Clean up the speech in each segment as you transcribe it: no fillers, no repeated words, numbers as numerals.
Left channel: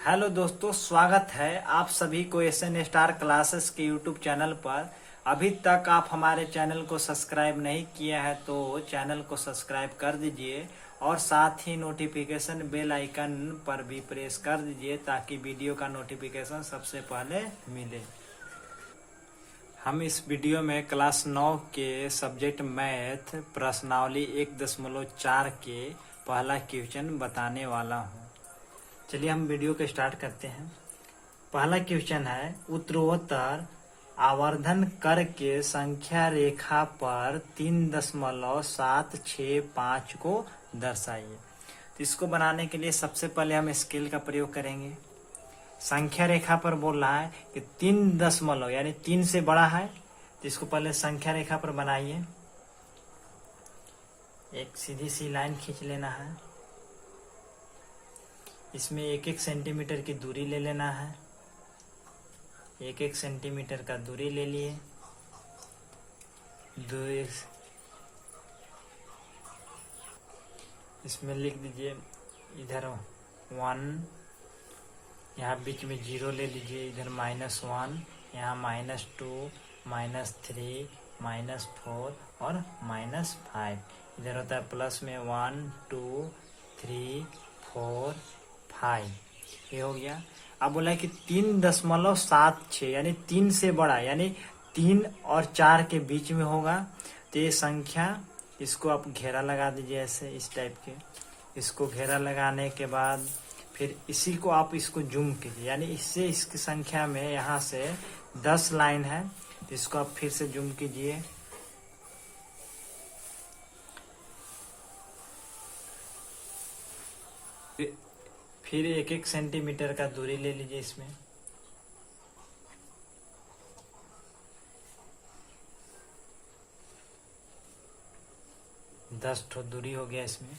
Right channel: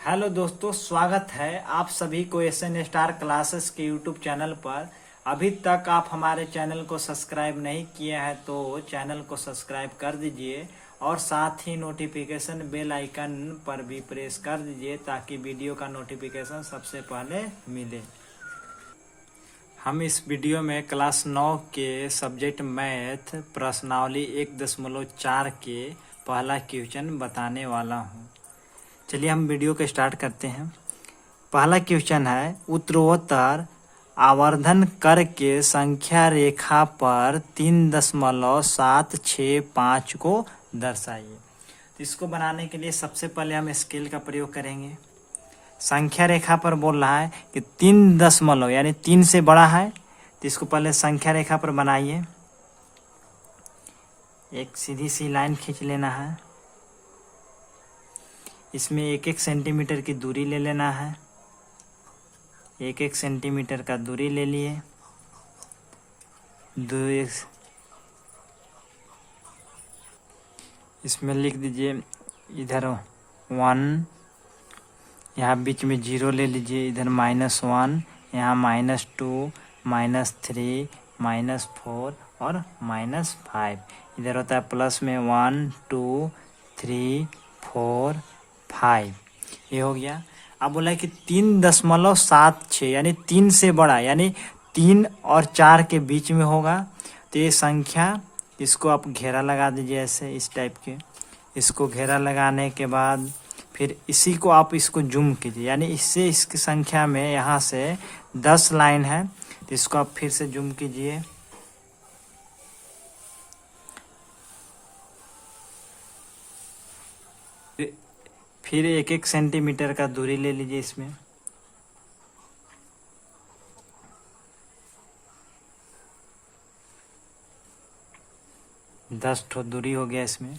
Hello दोस्तों, स्वागत है आप सभी को एसएन स्टार क्लासेस के यूट्यूब चैनल पर। अभी तक आप हमारे चैनल को सब्सक्राइब नहीं किए हैं तो चैनल को सब्सक्राइब कर दीजिए और साथ ही नोटिफिकेशन बेल आइकन पर भी प्रेस कर दीजिए ताकि वीडियो का नोटिफिकेशन सबसे पहले मिले। हम इस वीडियो में क्लास 9 के सब्जेक्ट मैथ प्रश्नावली 1.4 के पहला क्वेश्चन बताने वाला हूँ। चलिए हम वीडियो को स्टार्ट करते हैं। पहला क्वेश्चन है, उत्तरोत्तर आवर्धन कर के संख्या रेखा पर 3.765 को दर्शाइए। तो इसको बनाने के लिए सबसे पहले हम स्केल का प्रयोग करेंगे। संख्या रेखा पर बोल रहा है कि 3 दशमलव यानी 3 से बड़ा है, तो इसको पहले संख्या रेखा पर बनाइए। एक सीधी सी लाइन खींच लेना है। इसमें 1-1 सेंटीमीटर की दूरी ले लेना है। 1-1 सेंटीमीटर का दूरी ले लिए। इसमें लिख दीजिए इधर 1, यहाँ बीच में 0 ले लीजिए, इधर -1, यहाँ -2, -3, -4 और -5। इधर होता है प्लस में 1, 2, 3, 4, 5। ये हो गया। अब बोला है कि 3.76 यानी 3 से बड़ा, यानी 3 और 4 के बीच में होगा। तो ये संख्या, इसको आप घेरा लगा दीजिए ऐसे, इस टाइप के। इसको घेरा लगाने के बाद फिर इसी को आप इसको जूम कीजिए, यानी इससे इसकी संख्या में यहाँ से 10 लाइन है, तो इसको आप फिर से जूम कीजिए। फिर 1-1 सेंटीमीटर का दूरी ले लीजिए। इसमें दस ठो दूरी हो गया इसमें।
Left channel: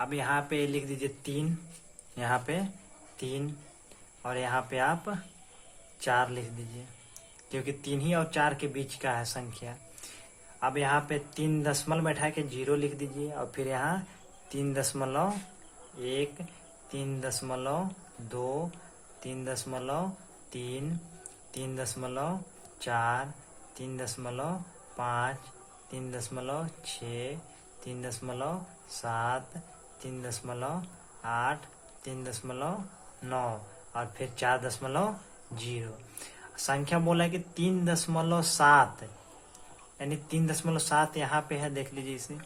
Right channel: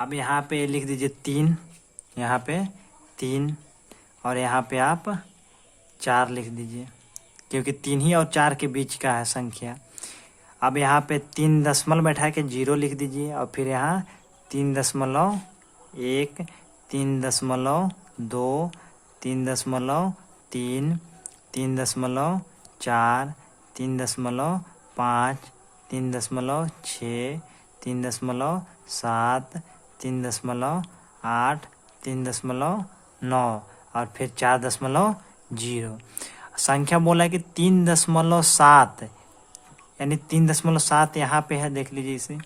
अब यहाँ पे लिख दीजिए 3, यहाँ पे 3 और यहाँ पे आप 4 लिख दीजिए, क्योंकि 3 ही और 4 के बीच का है संख्या। अब यहाँ पे 3 दशमलव बैठा के 0 लिख दीजिए और फिर यहाँ 3.1, 3.2, 3.3, 3.4, 3.5, 3.6, 3.7, 3.8, 3.9 और फिर 4.0। संख्या बोला है कि 3.7 यानी 3.7 यहाँ पे है, देख लीजिए इसे।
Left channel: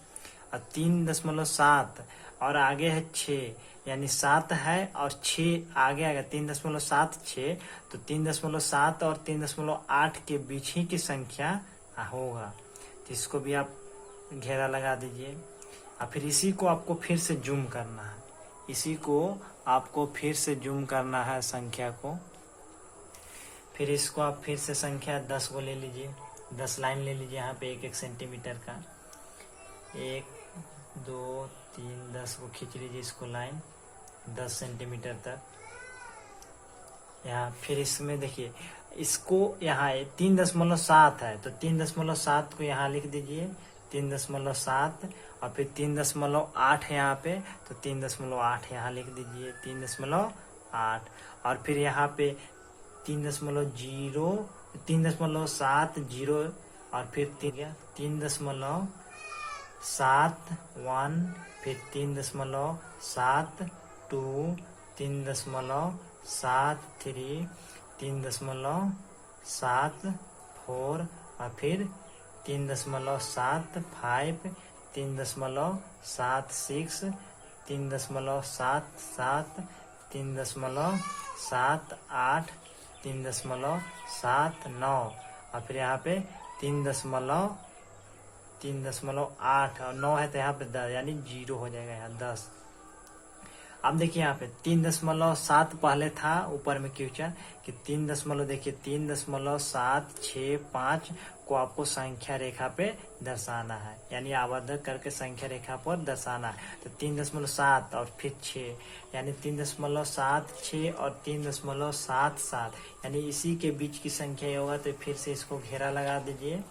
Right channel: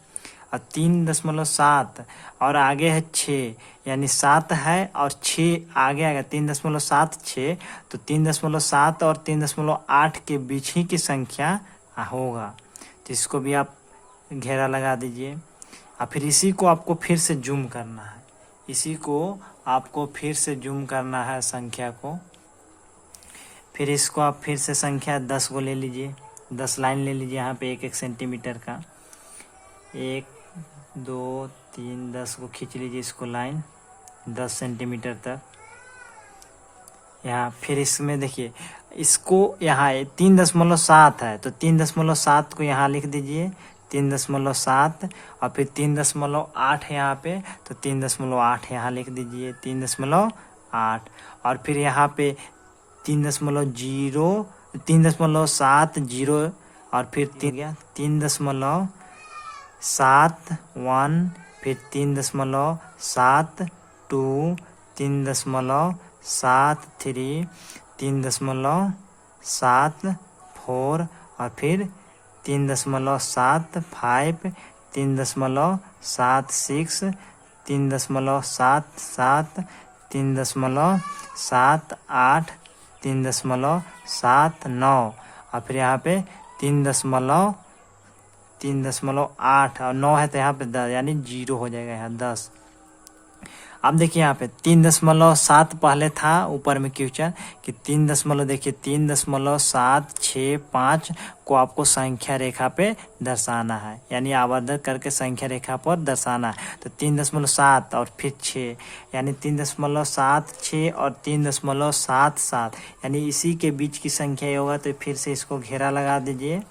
और 3.7 और आगे है 6, यानी 7 है और 6 आगे आएगा, 3.76। तो 3.7 और 3.8 के बीच ही की संख्या होगा। तो इसको भी आप घेरा लगा दीजिए और फिर इसी को आपको फिर से जूम करना है। इसी को आपको फिर से जूम करना है संख्या को। फिर इसको आप फिर से संख्या 10 को ले लीजिए, 10 लाइन ले लीजिए यहाँ पे 1-1 सेंटीमीटर का। 1, 2, 3, 10 को खींच लीजिए इसको लाइन 10 सेंटीमीटर तक। यहाँ फिर इसमें देखिए, इसको यहाँ 3.7 है तो 3.7 को यहाँ लिख दीजिए, 3.7 और फिर 3.8 यहाँ पे, तो 3.8 यहाँ लिख दीजिए, 3.8 और फिर यहाँ पे 3.0, 3.70 और फिर 3.71, फिर 3.72, 3.73, 3.74 और फिर 3.75, 3.76, 3.77, 3.78, 3.79 और फिर यहाँ पे 3.8 और 9 है तो यहाँ पे 10, यानी 0 हो जाएगा यहाँ 10। अब देखिए यहाँ पे 3.7 पहले था ऊपर में क्वेश्चन कि 3.765 को आपको संख्या रेखा पे दर्शाना है, यानी आवर्धन करके संख्या रेखा पर दर्शाना है। तो 3.7 और फिर 6, यानी 3.76 और 3.77, यानी इसी के बीच की संख्या ही होगा। तो फिर से इसको घेरा लगा दीजिए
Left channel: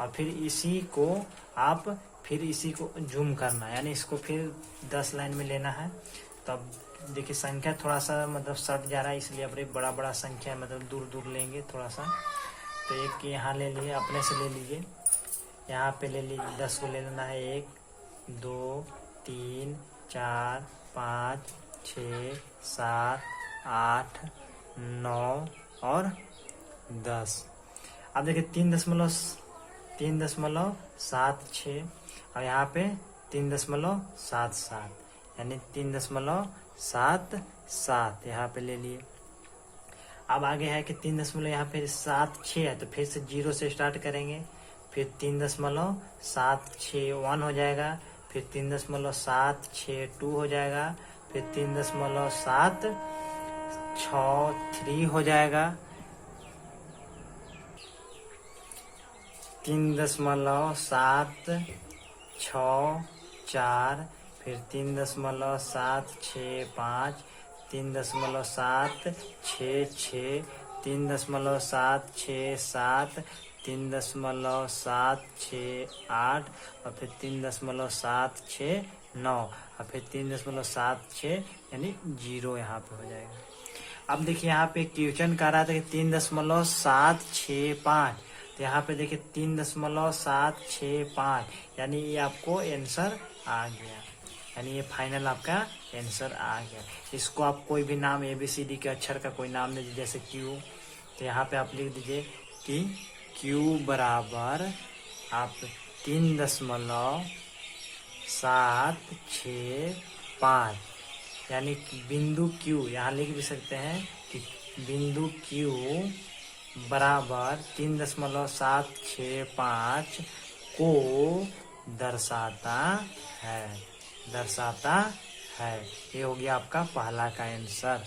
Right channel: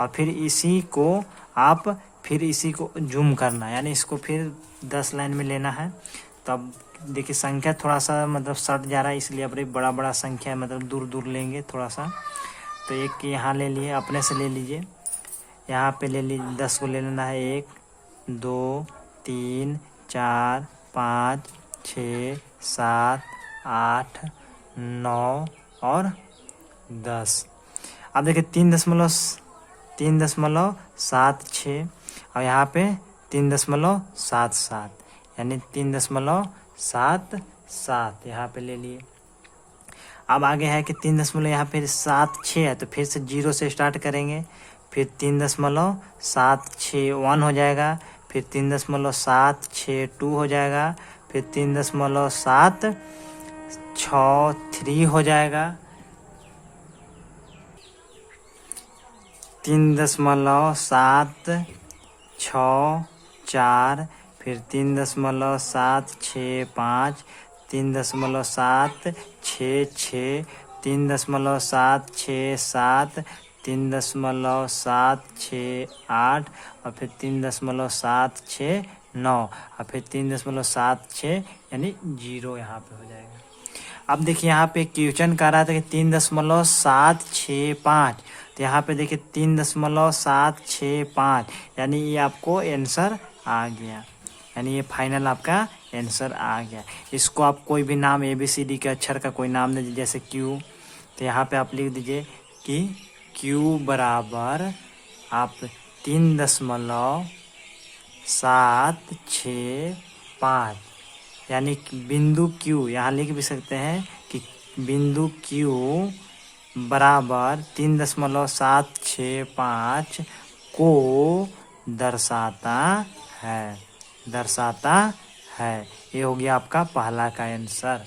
और फिर इसी को आप फिर इसी को जूम करना है, यानी इसको फिर 10 लाइन में लेना है। तब देखिए संख्या थोड़ा सा मतलब सट जा रहा है, इसलिए अब बड़ा बड़ा संख्या मतलब दूर दूर लेंगे थोड़ा सा। तो एक यहाँ ले लिए, अपने से ले लीजिए, यहाँ पे ले लीजिए 10 को ले लेना है। 1 2 3 4 5 6 7 8 9 और 10। अब देखिए 3.76 और यहाँ पे 3.77 यानी 3.77 यहाँ पे ले लिए। अब आगे है कि 3 यहाँ पे 76 है, तो फिर से 0 से स्टार्ट करेंगे, फिर 3.76 1 हो जाएगा, फिर 3.76 2 हो जाएगा, फिर 3.76 3 हो जाएगा, 3.76 4, फिर 3.765, 3.766, 3.767, 3.768 और फिर 3.769 और फिर 3.76 यानी 0 यहाँ पे हो जाएगा। अब देखिए यहाँ पे क्वेश्चन कर रहा था कि 3.765, तो यहाँ पे देखिए 3.765 यानी ये आपको आंसर आ गया, यानी ये फाइनल आपका आंसर आ गया। इसको आप कोई भी नाम ABCD के अक्षर का कोई नाम दे दीजिए, जैसे Q, तो यहाँ पे आप लिख दीजिए कि Q बराबर आप 3.765 यानी बिंदु Q, यहाँ लिख भी सकते हैं कि बिंदु Q बराबर 3.765 को दर्शाता है। ये हो गया आपका पहला का आंसर।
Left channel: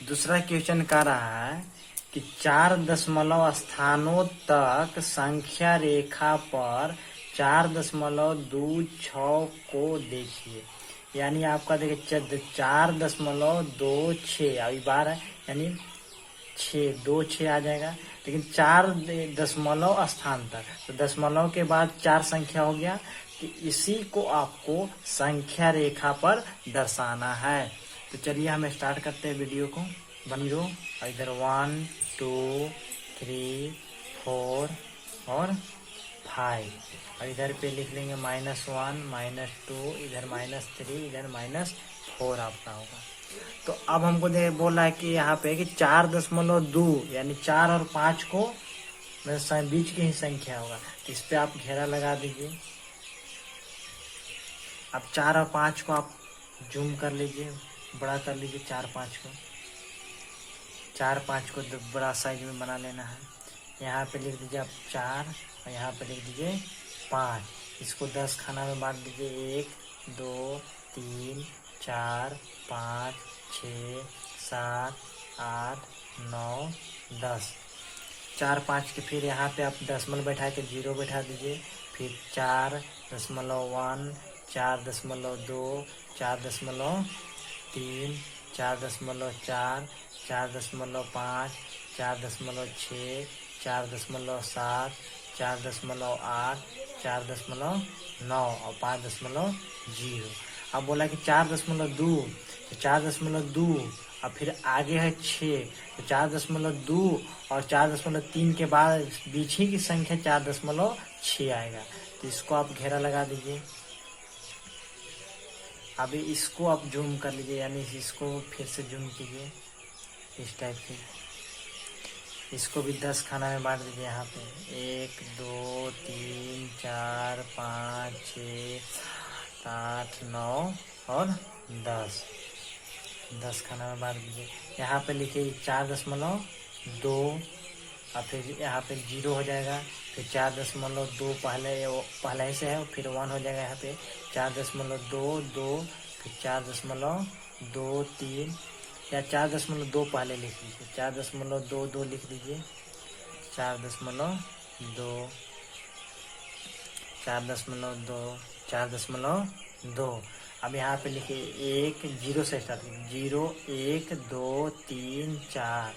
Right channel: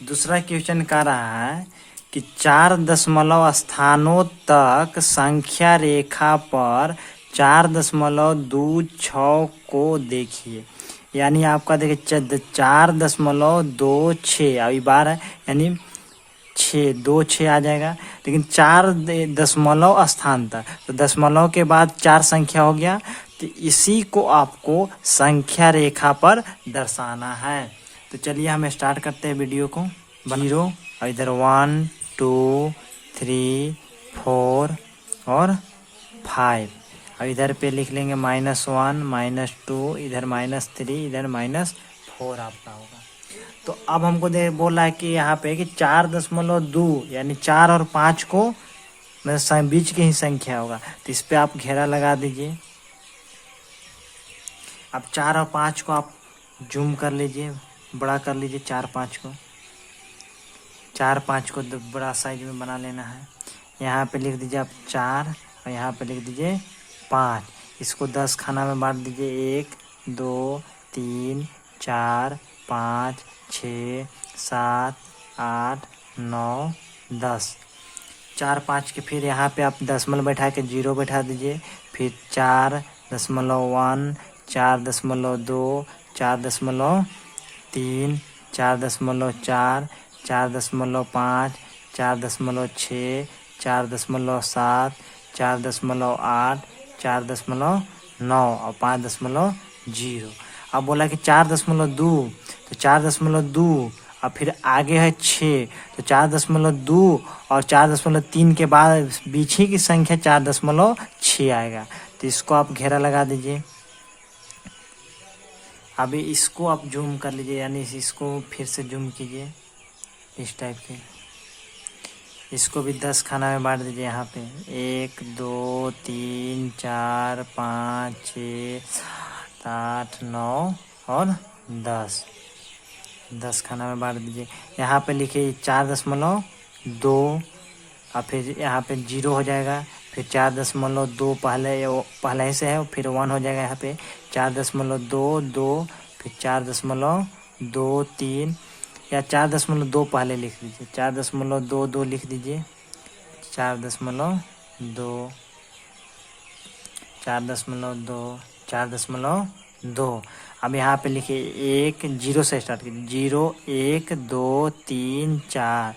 दूसरा क्वेश्चन कह रहा है कि 4 दशमलव स्थानों तक संख्या रेखा पर 4.26 को देखिए। यानी आपका देखिए 4.26 अभी बार है, यानी 6 आ जाएगा, लेकिन 4 दशमलव स्थान तक, तो दशमलव के बाद 4 संख्या हो गया, तो इसी को आपको संख्या रेखा पर दर्शाना है। तो चलिए हम स्टार्ट करते हैं वीडियो को। 0 और इधर 1 2 3 4 और 5 और इधर पे लिख लेंगे -1 -2, इधर -3, इधर -4 आपका होगा। तो अब हमको बोल रहा है कि यहाँ पे कि 4.2 यानी 4 और 5 को मतलब बीच की ही संख्या होगा, तो इस पे आप घेरा लगा दीजिए। अब 4 और 5 को आप जूम कर लीजिए, बड़ा कर लीजिए 4 5 को, 4 5 को बड़ा साइज में बना लेना है। यहाँ पे लिख दीजिए आप 4 और यहाँ पे लिख दीजिए 5। इसको 10 खाना में बांट दीजिए, 1 2 3 4 5 6 7 8 9 10। 4 5 के फिर यहाँ पे आप दशमलव बैठा के 0 बैठा दीजिए, फिर 4.1 4.2 4.3 4.4 4.5 4.6 4.7 4.8 4.9 और 5.0। अब बोला कि 4.2, तो 4.2 और फिर आगे है 6, तो 4.2 और 4.3 के बाद बीच ही की संख्या 4.6 आएगा, तो इसको आप घेरा लगा दीजिए। अभी इसको आप जूम कर लीजिए, यानी इसको फिर से जूम कीजिए इस टाइप के। इसको भी 10 खाना में बांट दीजिए, यहाँ पे 1 2 3 4 5 6 7 8 9 और 10 खाना में बांट दीजिए। यहाँ पे लिखिए 4.2 और फिर यहाँ पे 0 हो जाएगा, फिर 4.2 पहले ही से है, फिर 1 हो जाएगा। यहाँ पे 4.2 फिर 4.23 या 4.2 पहले लिख दीजिए, 4.22 लिख दीजिए, 4.2। अब यहाँ पे लिखिए 1 0 से स्टार्ट कीजिए, 0 1 2 3 4,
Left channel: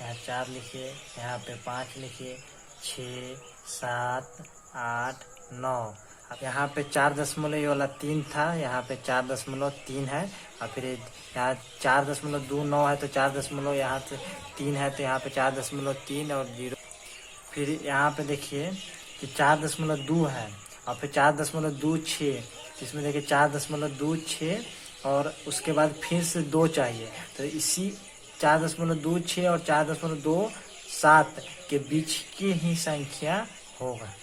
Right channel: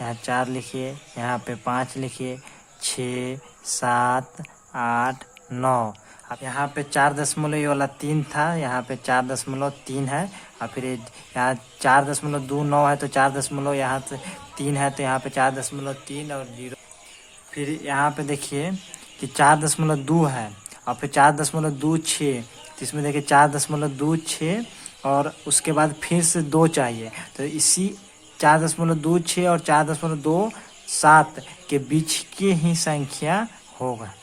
यहाँ 4 लिखिए, यहाँ पे 5 लिखिए, 6 7 8 9 अब यहाँ पे 4 ये वाला 3 था, यहाँ पे 4.3 है, और फिर यहाँ 4.29 है, तो 4 यहाँ से 3 है, तो यहाँ पे 4.3 और 0। फिर यहाँ पे देखिए कि 4.2 है, और फिर 4.26, तो इसमें देखिए 4.26 और उसके बाद फिर से 2 चाहिए, तो इसी 4.26 और 4.27 के बीच की ही संख्या होगा।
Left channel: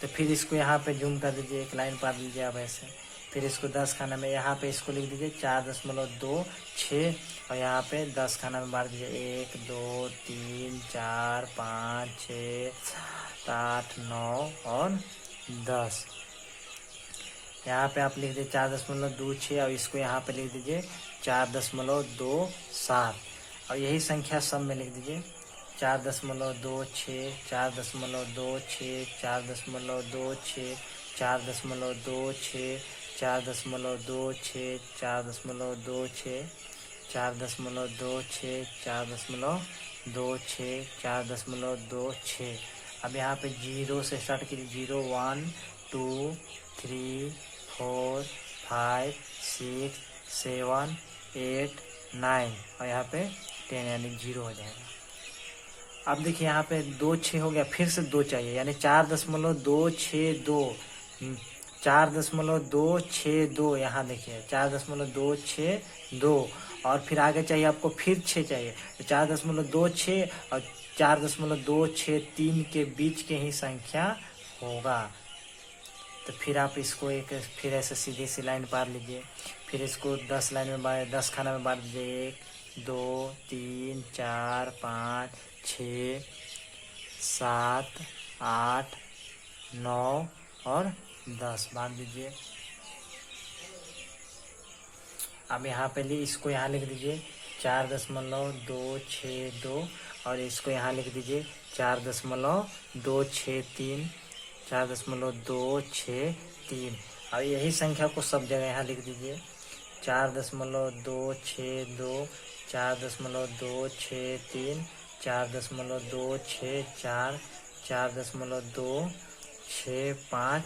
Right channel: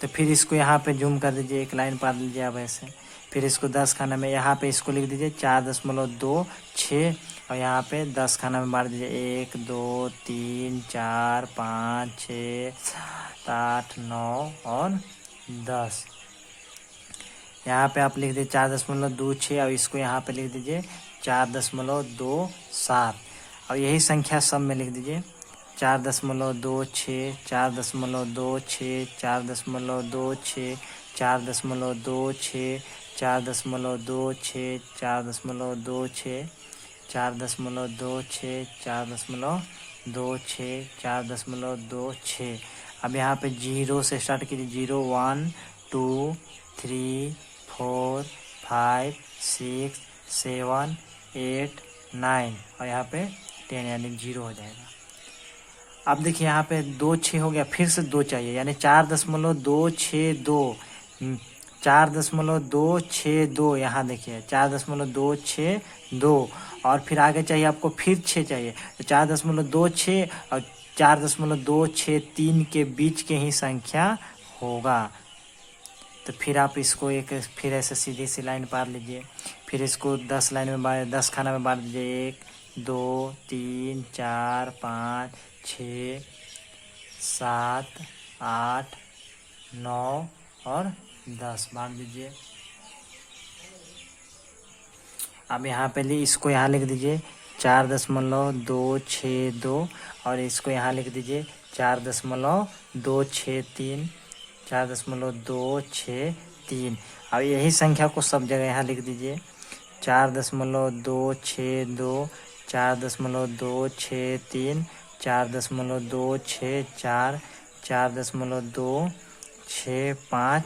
तो फिर इसको यहाँ पे जूम कर दीजिए, एक लाइन पा दीजिए अब ऐसे। फिर इसको 10 खाना में यहाँ पे इसको लिख दीजिए 4.26, और यहाँ पे 10 खाना में बांट दीजिए 1 2 3 4 5 6 7 8 9 और 10। यहाँ पे आप लिख दीजिए 4.26, और इसको यहाँ पे लिख दीजिए 4.27, और यही संख्या सब में लिख दीजिए 4.26 4.26 4.26 4.26 4.26 4.26 4.26 4.26 4.26। अब यहाँ पे 0 से स्टार्ट कीजिए, 0 1 2 3 4 5 6 7 8 9, और यहाँ पे 10 यानी 0 हो जाएगा। अब देखिए यहाँ पे 2 6 हो गया, फिर से 2 चाहिए, यानी 4.262 4.262, यहाँ देखिए 4.262, और फिर आगे चाहिए आपको फिर 6 चाहिए, तो 4.26 और 4.263 के बीच के ही संख्या होगा। तो फिर आप इसको एक फिर ऐसे सीधी सी लाइन पार लीजिए, फिर इसको 10 लाइन में 10 खाना में बांट दीजिए, 1 2 3 4 5 6 7 8 9 और 10 बांट दीजिए। अब यहाँ पे इसको यहाँ लिख दीजिए 4.262, और इसको यहाँ लिख दीजिए 4.263 4.263, और यही संख्या को सब जगह यहाँ लिख दीजिए 4.262 4.263 4.264 4.265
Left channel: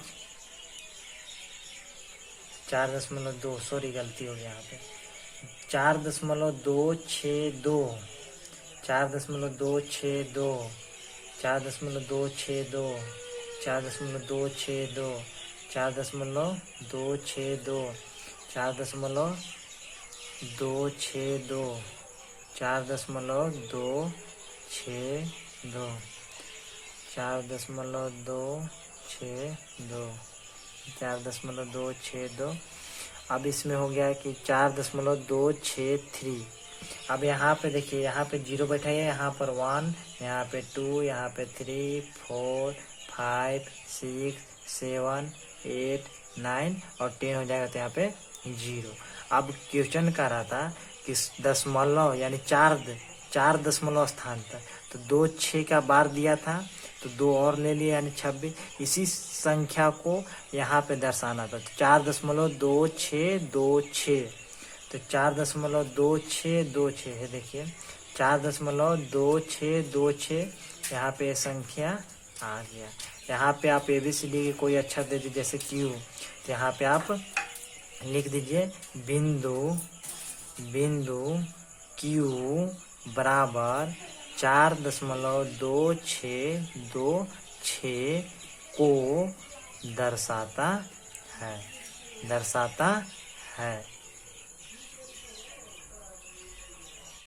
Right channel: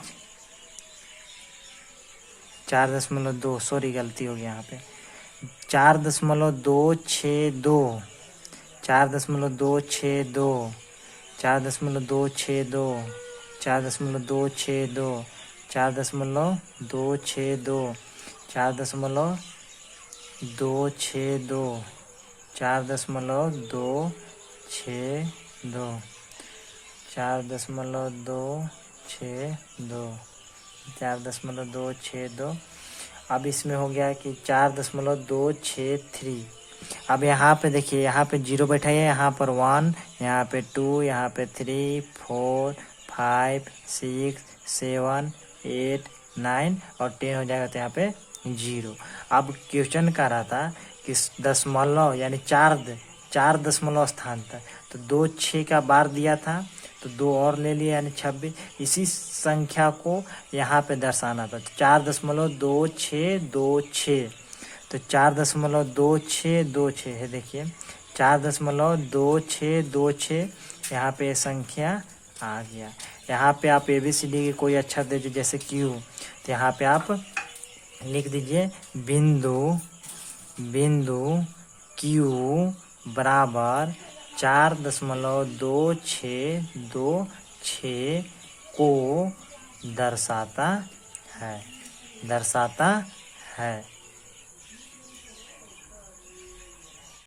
4.2, सॉरी गलती हो गई यहाँ पे, 4.262 4.262 4.262 4.262 4.262 4.262 4.262 4.262 4.262। अब इसमें हो गया कि 4.263। अब यहाँ पे देखिए, यहाँ पे 0 बैठा है, यहाँ पर 1, यहाँ पे 2, यहाँ पे 3 4 5 6 7 8 9 और 10 हो जाएगा, तो यहाँ पे 0। अब क्वेश्चन कर रहा था कि दशमलव यानी 4 दशमलव स्थान तक, तो 2 6 का बार दिया था, तो 2 और ले लिया यानी 26। इसी संख्या को यहाँ पे दर्शाना था, 4.2626, तो 4.2626 है, देखिए 4.2626 यहाँ पे संख्या आ गया। यहाँ पे आप ABCD की कोई अच्छा दे दीजिए, जैसे Q, तो यहाँ पे आप लिख दीजिए बिंदु Q बराबर 4.2626 को दर्शाता है।